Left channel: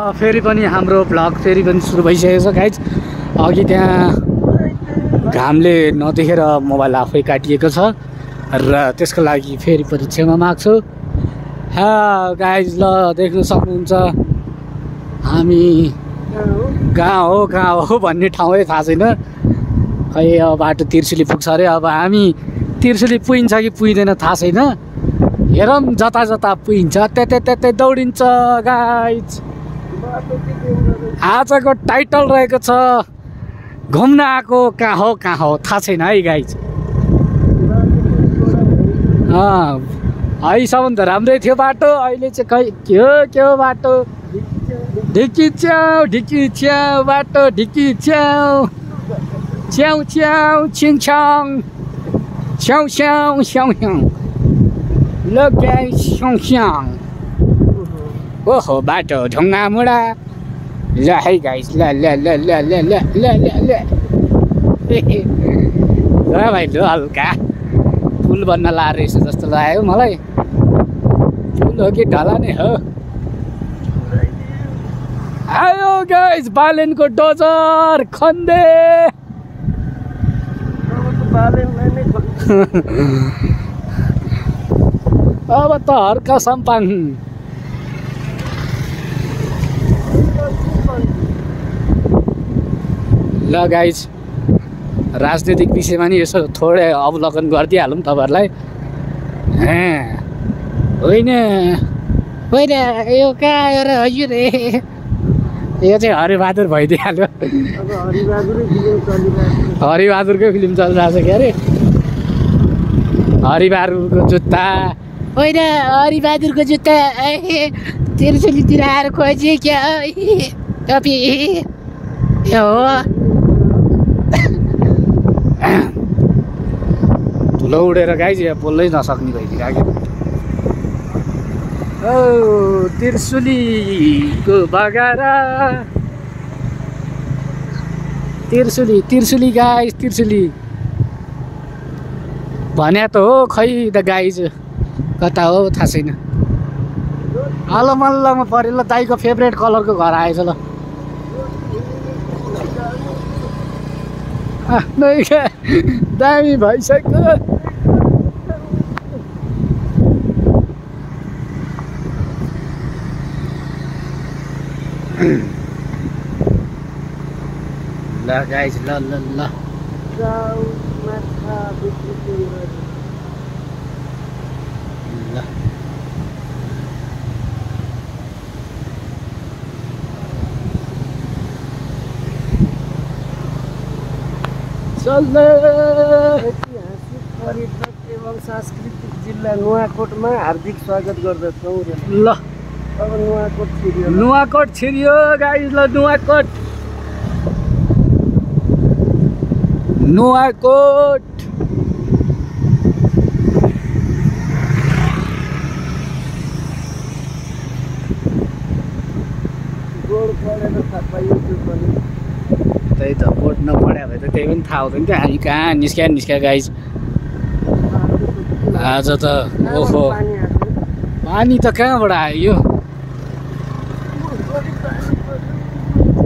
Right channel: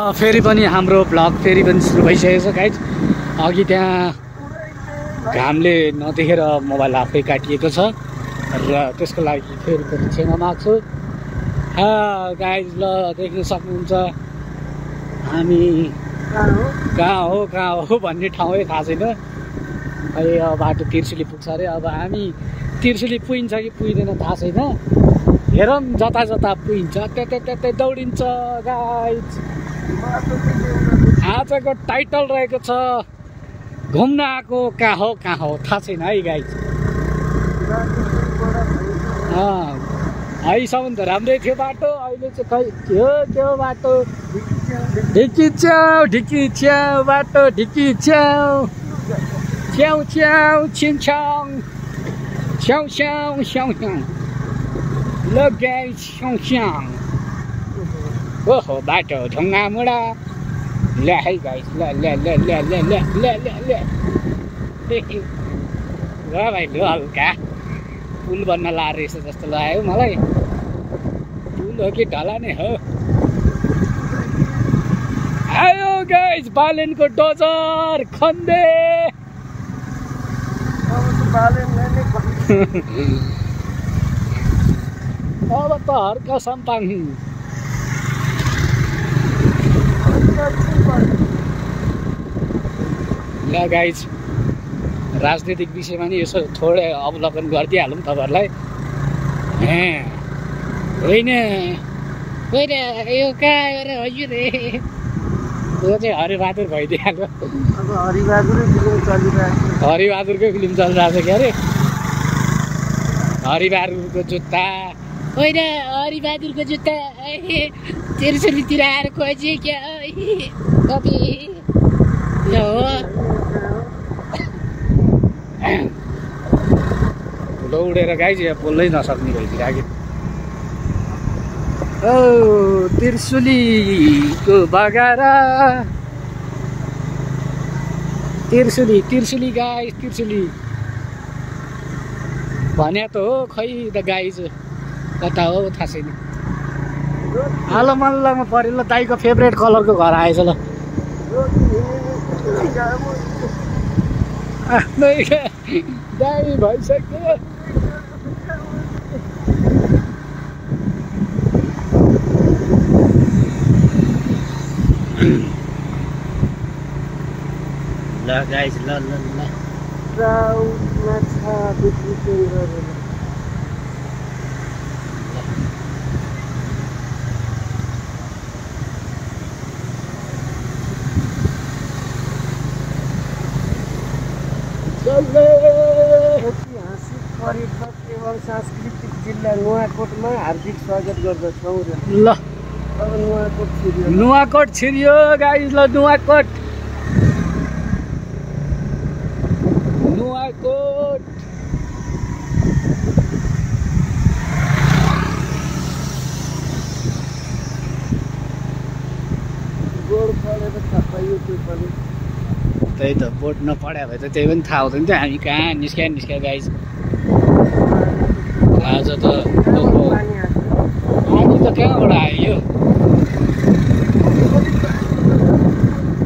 फेरि पनि हाम्रो भ्लग फेरि पनि सुरु भइसकेको छ गाइज। अघि त्यहाँ घामले नदेखेर मोबाइल आफै काटिएको छ र त्यसको लागि फेरि पनि क्षमा माग्छु। गाइज ल देख्न सक्नुहुन्छ हामी कहाँ हो भन्ने ठाउँै थाहा छैन। खै अब बाटो तिर्सुली पुग्छ अरे। अब हामी तिर्सुली पुगिन्छ कि पुगिँदैन थाहा छैन। हेरौँ जता जता पुगिन्छ त्यतै दौडिन्छ गाइज। आजको टाइटल रहेको छ घुम्न आएको कहाँ हो थाहा छैन है गाइज। अहिलेसम्म त राम्रै थियो बाटो, अहिले चाहिँ खै के हो बाटो। ढिकी च्याउ बाटो ढिकी च्याउ छिङछाङ स्याउ ल गाइस स्याउ। ओहो बाटो ढुङ्गा मुडा। ल है गाइस ल भाइ ल हल्का पुल बन्न लाएर रहेछ जस्तो लाग्यो मलाई। पुल हो कि ढला नै हो। आयो गाइस बालेनको डोजर खन्दे। अब त हर्का सम्पान। ल गाइज राजनीतिक विषयमा नि यसो थोरै अवलोकन गरिदिइहालौँ तपाईँहरूलाई। होइन यो कहाँ आएर हजुर यो चाहिँ हरिबहादुर भइदिइहाल्यो। अब हरिबहादुरकै फिल्म चलिरहेको छ। के अरे हरिबहादुरको जुत्ता होइन हरिबहादुरको जुत्ता तिर्सुलीतिर आएर खोजे क्या कपी हो। धुलो उडेर गाइज यहाँ बोल्नै नसक्ने भइदिरहेको। ओ तिर्सुलीको बगारा तिर्सुली गाइज तिर्सुली भने त हो खै त गाइज कता हो थाहा छैन। हलो मल्लमा पऱ्यो। ल दाइको फेभरेट कलरको घर आएछ। ल दामी भइसक्यो। ल गाइस ल ऐतिहासिक पर्यटक एवं सांस्कृतिक जिल्ला नुवाकोटमा हार्दिक स्वागत गर्दछौँ। ल अब नुवाकोट छिरियो गाइस। ल नुवाकोट बोर्ड पढेर थाहा पाइयो त्यो पनि। त्यही त बोर्ड नपढ्या भए त त्यही पनि थाहा हुँदैन थियो हामी कहाँ निस्क्या गाइज। आज त ओहो पानी त कहाँबाट आयो।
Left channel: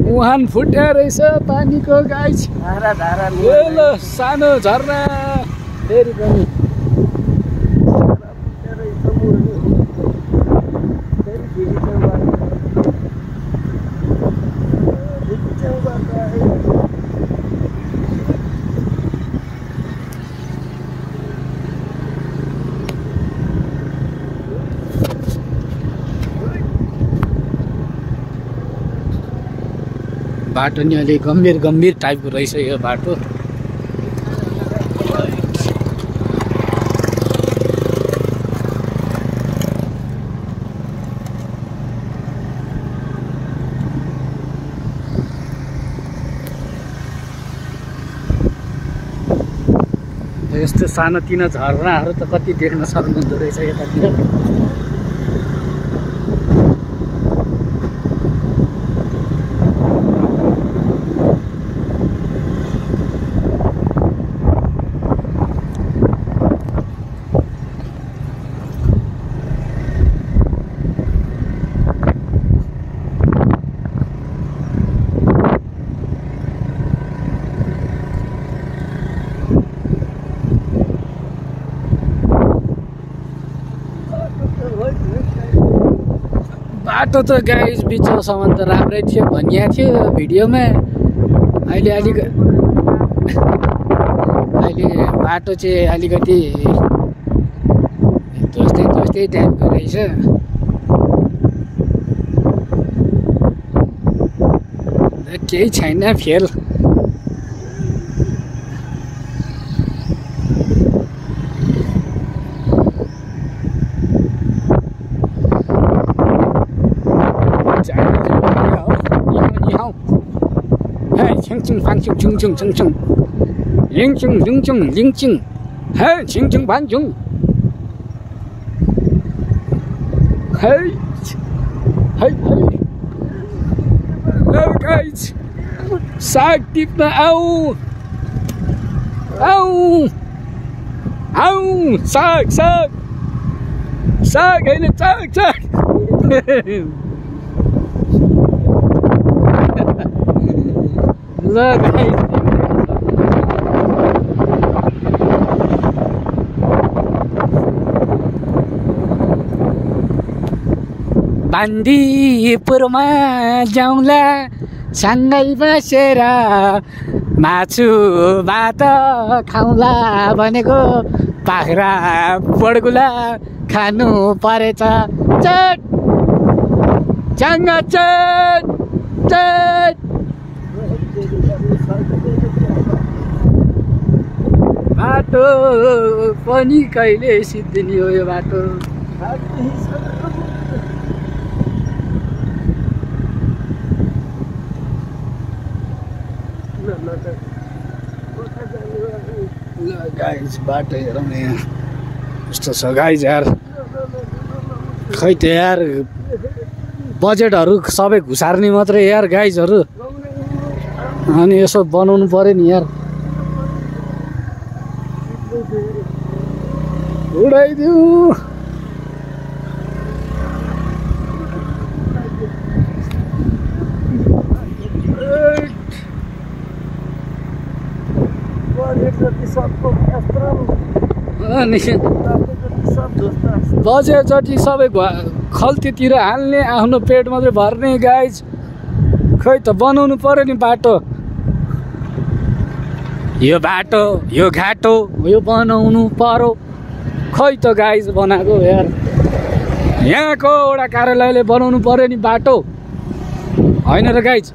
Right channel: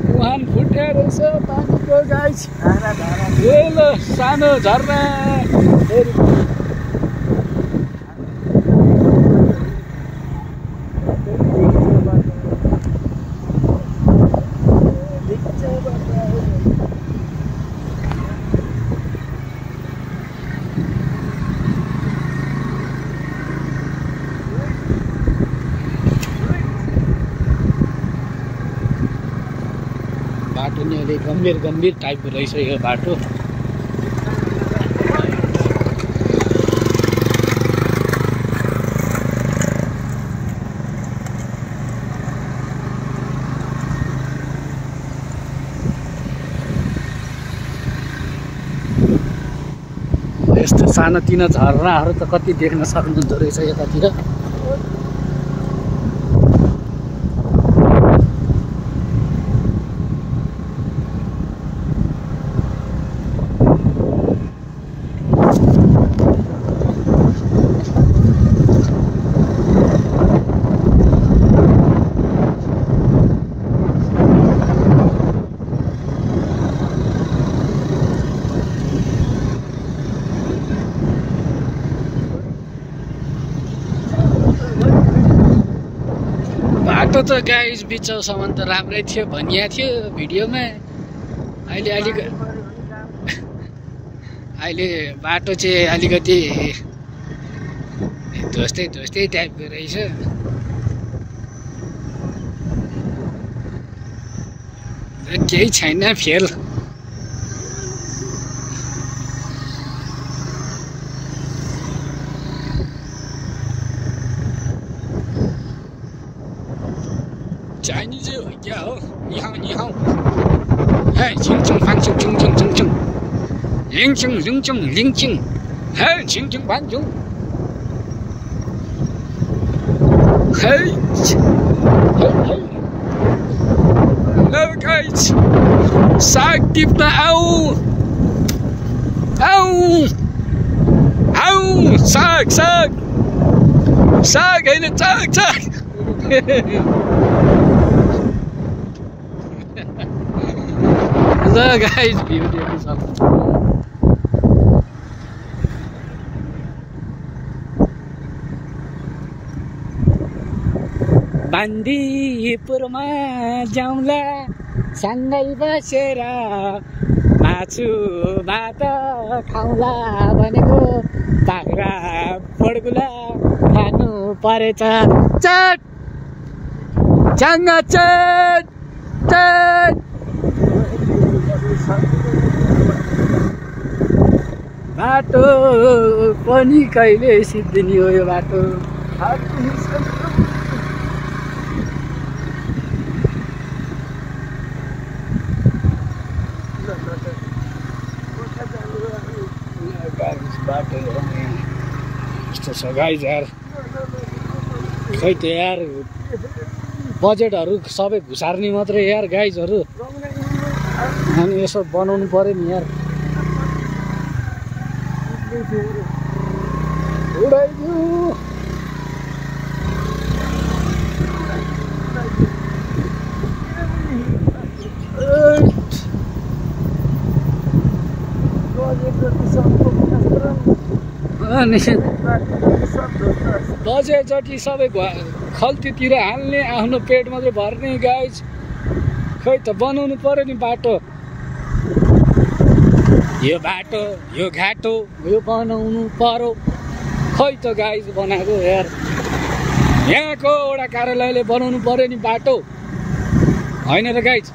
मुहान फुट्या रहेछ पानीको गाइज। ए ल सानो झर्ना फेरि पनि। बाटो नि अलि गम्भीर टाइपको रहेछ यो बाटो। यस्तो सानोतिनो झरनाहरू त कति देख्न सक्नुहुँदो रहेछ यतातिर। बाटो त गाइस बिचसम्म त राम्रै थियो भनिएको थियो भिडियोमा। अहिले बाटो चाहिँ अलिकति ध्वस्तै टाइपको रहेछ। केही छैन फेल। चाइनिज हो क्या हो? निहाउ हे छिङछिङ फाङछिङ छिङछिङ छिङछिङ लिङछिङ लिङछिङ लिङछिङ हे छिङछिङ फाङछिङ हे हे हे। Hello guys, साग टिप्न आऊ साग होइन साग ल गाइस बान्दीपुरमा जाउँला सँगै बसेर मासु भात खाउँला भनेको बाख्रा बडगुला खानु परेछ चट चट बाटो पनि कहिले सिद्धिने हो यो बाटो। गाइस बाटो हेरौँ यहाँ यस्तो छ गाइस यार। खै त यार बजेटहरू सबै घुसार्ने मात्रै यार गाइजहरू। अनि यसो बनाउनु पर्यो नि यार। उडाइदिउ अनि बजे जति सबै खल्तीतिर हाल्ने आफ्नो पेट मात्रै भर्ने गाइज। खै त बनाउनु पर्यो नि बाटो। यो बाटो यो घाटो यो बनाउनु पर्यो। खै त गाइज बनाएको यार। यहाँको एउटा कार्यालयले बनाउनु पर्यो नि बाटो होइन र गाइज।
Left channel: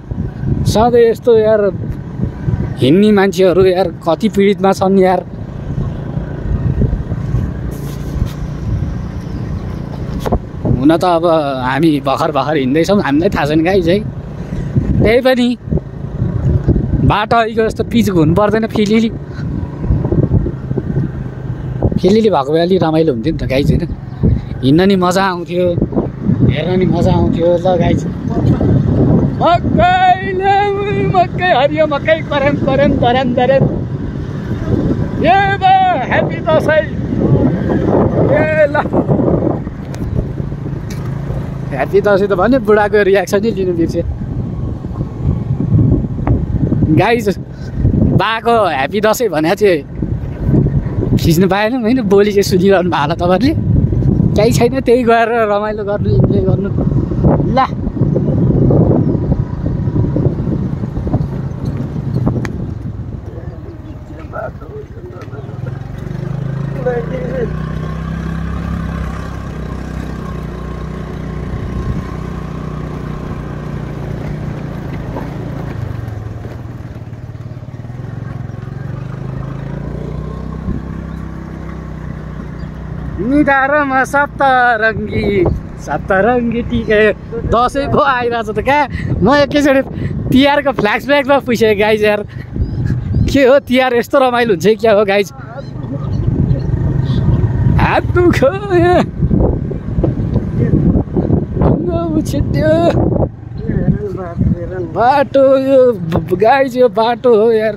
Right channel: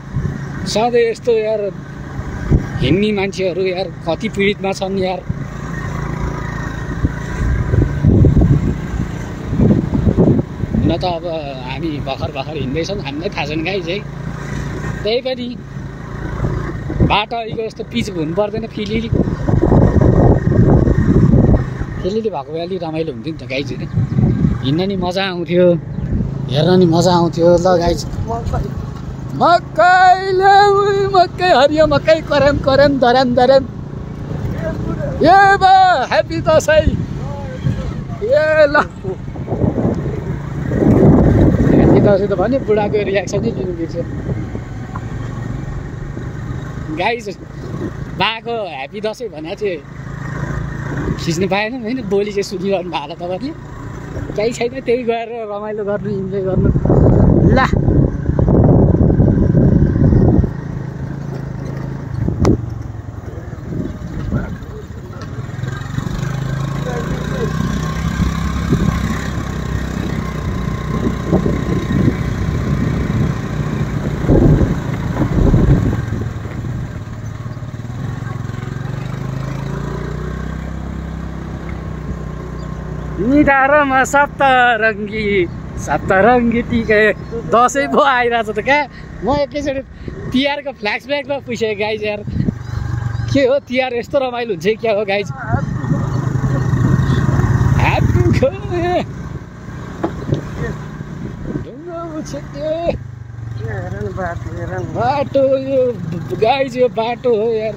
सधैँ यस्तो यार हिँड्ने मान्छेहरू यार कति पीडितमा छन् यार। हुन त अब हामी भर्खर हिँड्दैछौँ, हामीलाई थाहा छैन गाइज है। त्यही पनि बाटो अहिलेको जस्तो पिच हुनु पर्दैन। फिलिली भएको भए अलिक रमाइलो हुन्थ्यो नि त गाइज होइन। हिँड्न नि मजा आउँथ्यो, हेर्न नि मजा आउँथ्यो। ल गाइज मकै हरियो मकै करेम धरेम ए बा ह्याप्पी दसैँ। ए ल ह्याप्पी दसैँ त भन्यो, बुढाको रियाक्सन नै लिनु बिर्स्यो गाइज। बाको ह्याप्पी दसैँ भने चाहिँ खिच्नु पाएन होइन। बोली चाहिँ सुनिरहनु भएको होला तपाईँहरूले। केही छैन, त्यही गएर रमाइलो गर्नु, इन्जोय गर्नु। ल निधारमा सप्तरङ्गी टिके दसैँ पो आइरहेछ त क्या। म एकैचोटि तिहारको फ्ल्यासब्याकमा पुगेँ गाइज यार। के हो तिहार यस्तो रमाइलो हुन्छ क्या हो गाइज। हात दुख्यो बाटो यो गाइज। यो बाटो हो यार।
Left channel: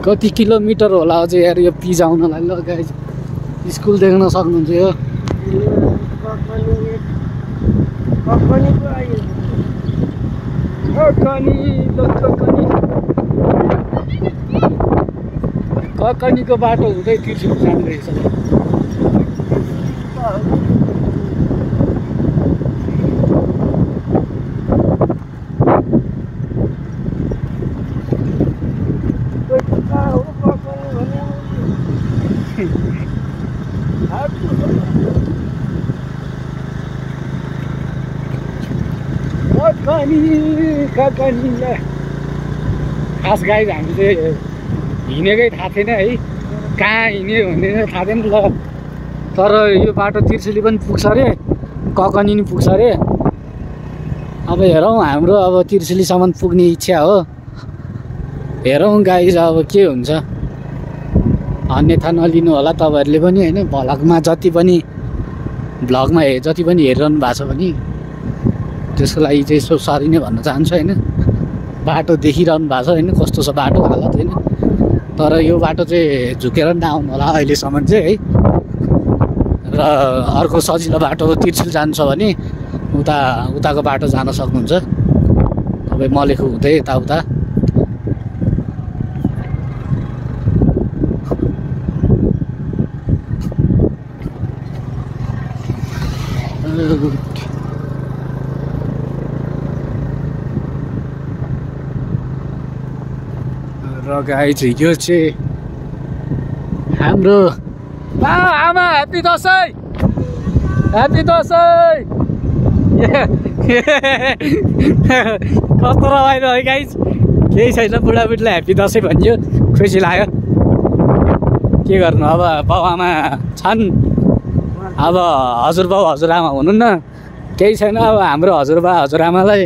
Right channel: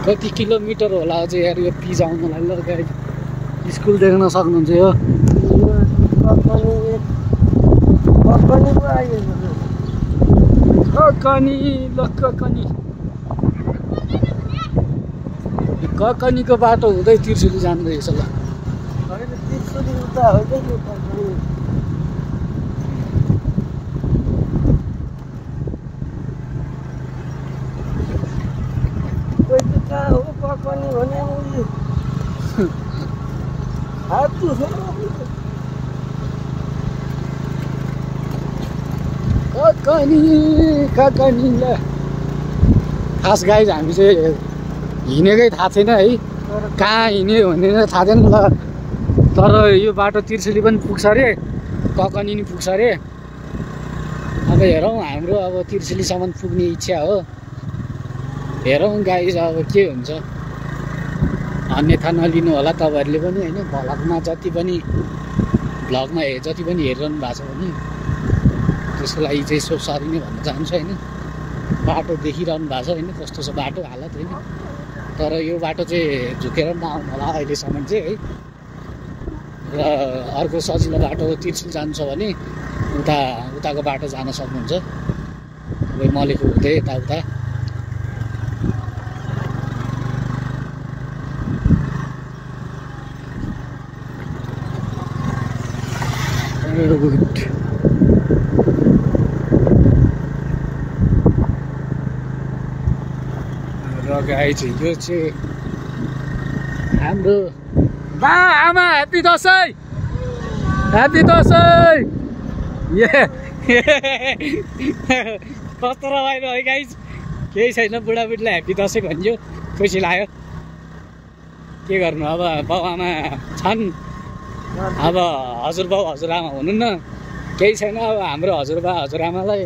कति किलोमिटर होला अझै यार यो पिज आउनलाई। ल गाइज स्कुल देख्न सक्नुहुन्छ यो। ककनीको बाटो हुँदै त्रिशुली जाँदो रहेछ। ल खास गाई हामी चाहिँ हिँडेकै थाहा छैन है, कहाँ हिँड्यो भन्ने थाहा छैन ल। तर यो बाटो तिर्सुली पनि पुग्छ अरे, ककनी नि पुग्छ अरे। अब हेरौँ, हाम्रो अब तिर्सुलीसम्म पुग्ने इच्छा हो। हेरौँ गाई अब के हुन्छ, अन्यथा नलिनु होला तपाईँहरूले पनि होइन। भ्लगमा जति पनि जति पनि हेरिरहनु भएको छ भने त्यसको लागि चाहिँ यसो सरी नै भन्न चाहन्छु होइन। बाटो देखिरहनु भएको छ होइन, कस्तो छ बाटो हालत होइन। तर यो बाटो चाहिँ झुकेर नआउनु होला अहिलेसम्म चाहिँ है। र अर्को सजिलो बाटो तिर्सुल जान्छ भने उताको बाटो जान सक्नुहुन्छ तपाईँ, मलेखु हुँदै यताउता। र गाई चाहिँ यो चाहिँ हाम्रो आमा ह्याप्पी दसैँ, ह्याप्पी दसैँ। कस्तो रमाइलो है गाई, केही छैन, बुढाबुढीलाई ह्याप्पी दसैँ भनियो, खुसी लाग्यो। के गर्नु अब, बाउ आमा छन्, अब हजुरबाउ हजुरआमा हुनुहुन्न, केही छैन। अब हाम्रो हजुरबा हजुरआमालाई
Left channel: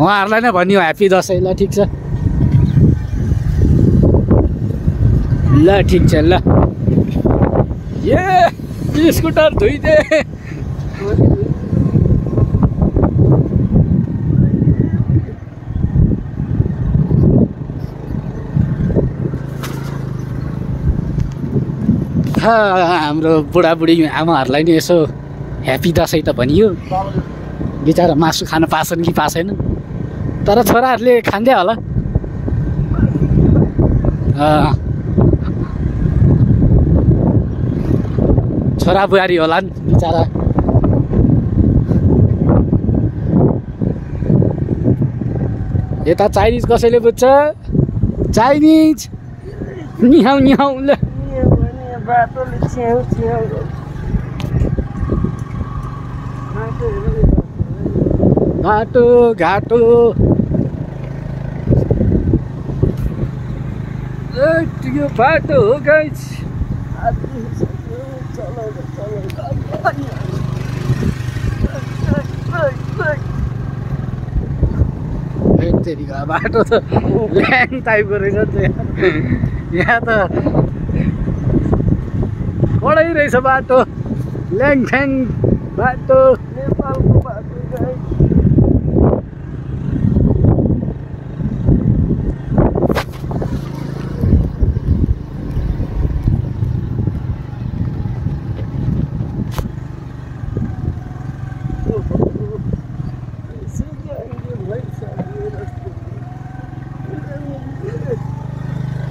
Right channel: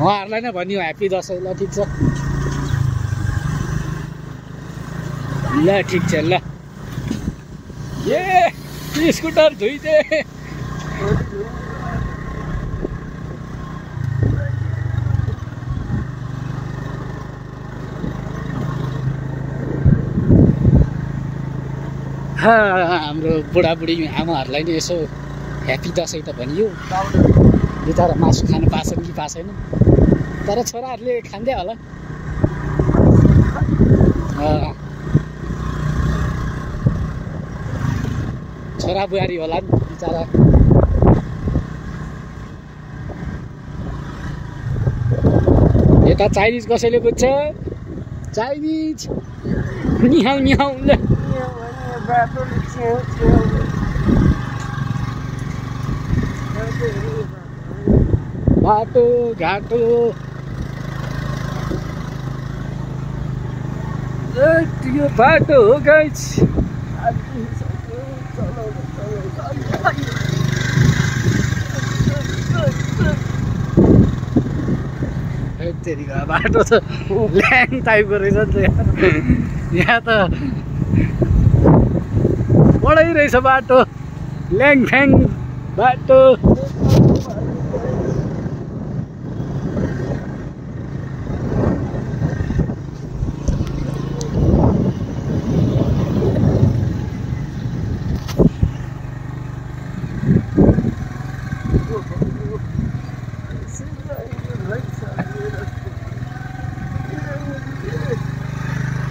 उहाँहरूलाई नै भनियो ह्याप्पी दसैँ। ल ठिक छ, ल ठिक छ ल। ए स्कुटर धुइदे। हाम्रो बुढाबुढी आमाहरूलाई नि यसो ह्याप्पी दसैँ त भनियो। बिचरा मासु खान पाछन् कि पाछैन, तर छोराहरूले खाँदै होला। छोरा बुहारी होला नि बिचरा। यता चाइनिज कसैले बुझ्छ, चाइनिज निहाउ निहाउ ल। बाटो घाटो यो बाटो हो गाइस। बाटो त ल्याङ टाइपको रहेछ नि त यहाँ त, कडै रहेछ बाटो, ल्याङ फ्याङ बाटो।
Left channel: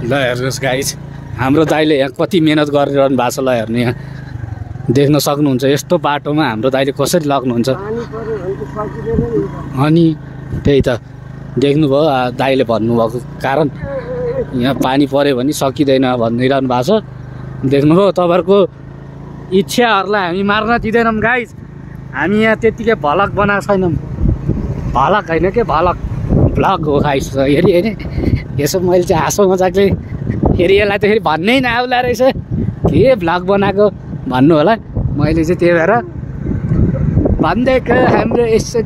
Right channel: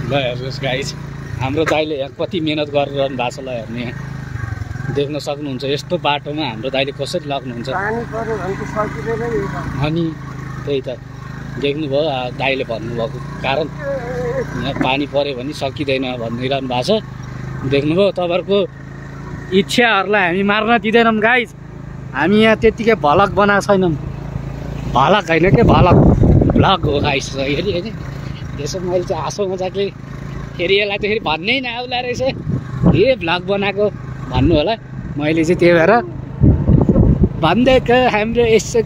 ल हेर्नुहोस् गाइस, हाम्रो दाइले यहाँ कति मिहिनेत गरिरहनु भएको छ। ल हेर्नु, यहाँ देख्न सक्नुहुन्छ यस्तो बाटोमा हाम्रो दाइले कसरी लग्नुहुन्छ। अनि त्यही त देख्नुभयो, दाइले भन्नुभएको कारण यहाँ पानी पऱ्यो भने सकिँदैन भनिरहनु भएको छ। देख्नुभयो, तपाईँहरूको इच्छाहरूलाई हामी मार्न दिँदैनौँ गाइस। हामी यहाँ त्यत्तिकै भलक बनाएको छैनौँ, भलक होइन के भलक, भ्लग हो गाइस। हेरी होइन, यसो मैले चाहिँ हाँसो मजाकले फेरि यसलाई त फेरि भन्नै नआउला रहेछ, के भ्लग बनाएको भन्नु होला। मैले चाहिँ त्यही भएर भनिदिएको। हाम्रो यसो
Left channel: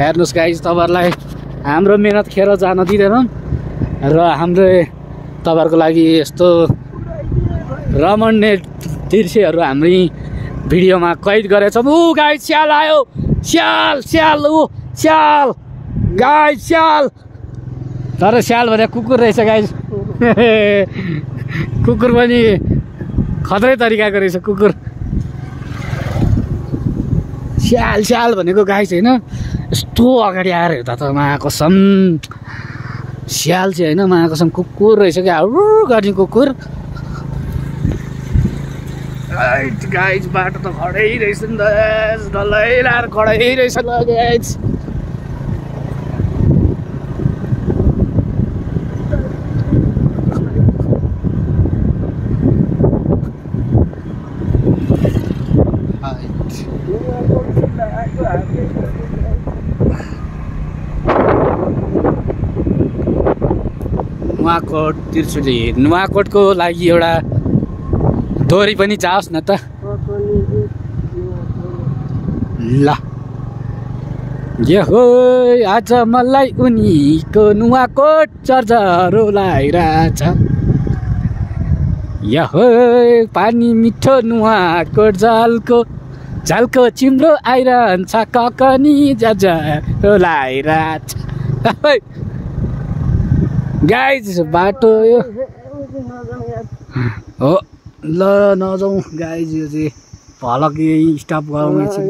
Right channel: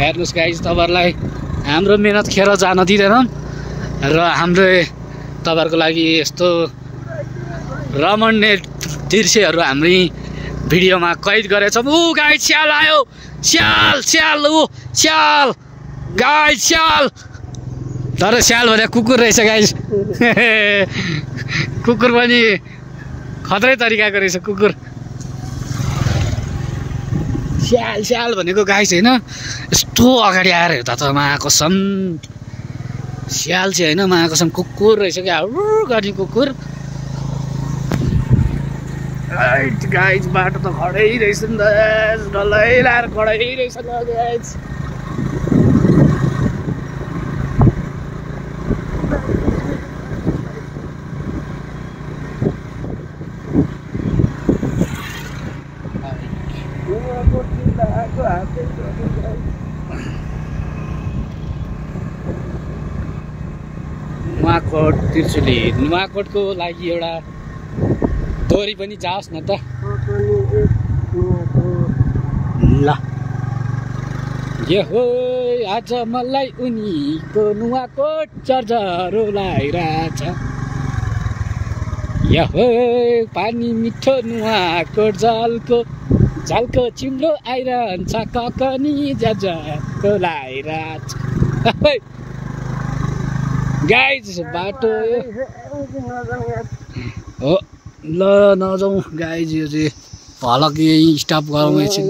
हेर्नुहोस् गाइस, तपाईँहरूलाई हाम्रो मेहनत खेर जान दिँदैनौँ र हाम्रो तपाईँहरूको लागि यस्तो रमणीय दृश्यहरू हामी भिडियोमा कैद गरेछौँ। ऊ गाई स्याल आयो, स्याल स्याल, ऊ स्याल गाई स्याल। तर स्याल भने कुकुर रहेछ गाइस। कुकुर पनि खत्रै तरिकाको रहेछ कुकुर। स्याल स्याल भनेको गाइस होइन, यस्तो अगाडि आएर हेर्दा त महाकसम स्याल चाहिँ होइन, महाकसम कुकुर रहेछ क्या, गर्ने कुकुर। राइट गाइज बाटो त खडै रहेछ नि त डल्लै लाएर खडै रहेछ ल गाइज नुवाकोट त्रिशुली नुवाकोटको लागि एउटा दोहोरी पनि जाओस् न त ल हो आज मलाई उनीको नुवाकोट चर्चरो लागिरहेछ हो पानी मिठो नुवाकोट झल्को चिम्रो आइरहन्छ ककनी जर्जरो लागिरहेछ गाइज बाटो यो हो ल नजाउँ गाइज यो चाहिँ भलक यही स्टप गरौँ एकछिन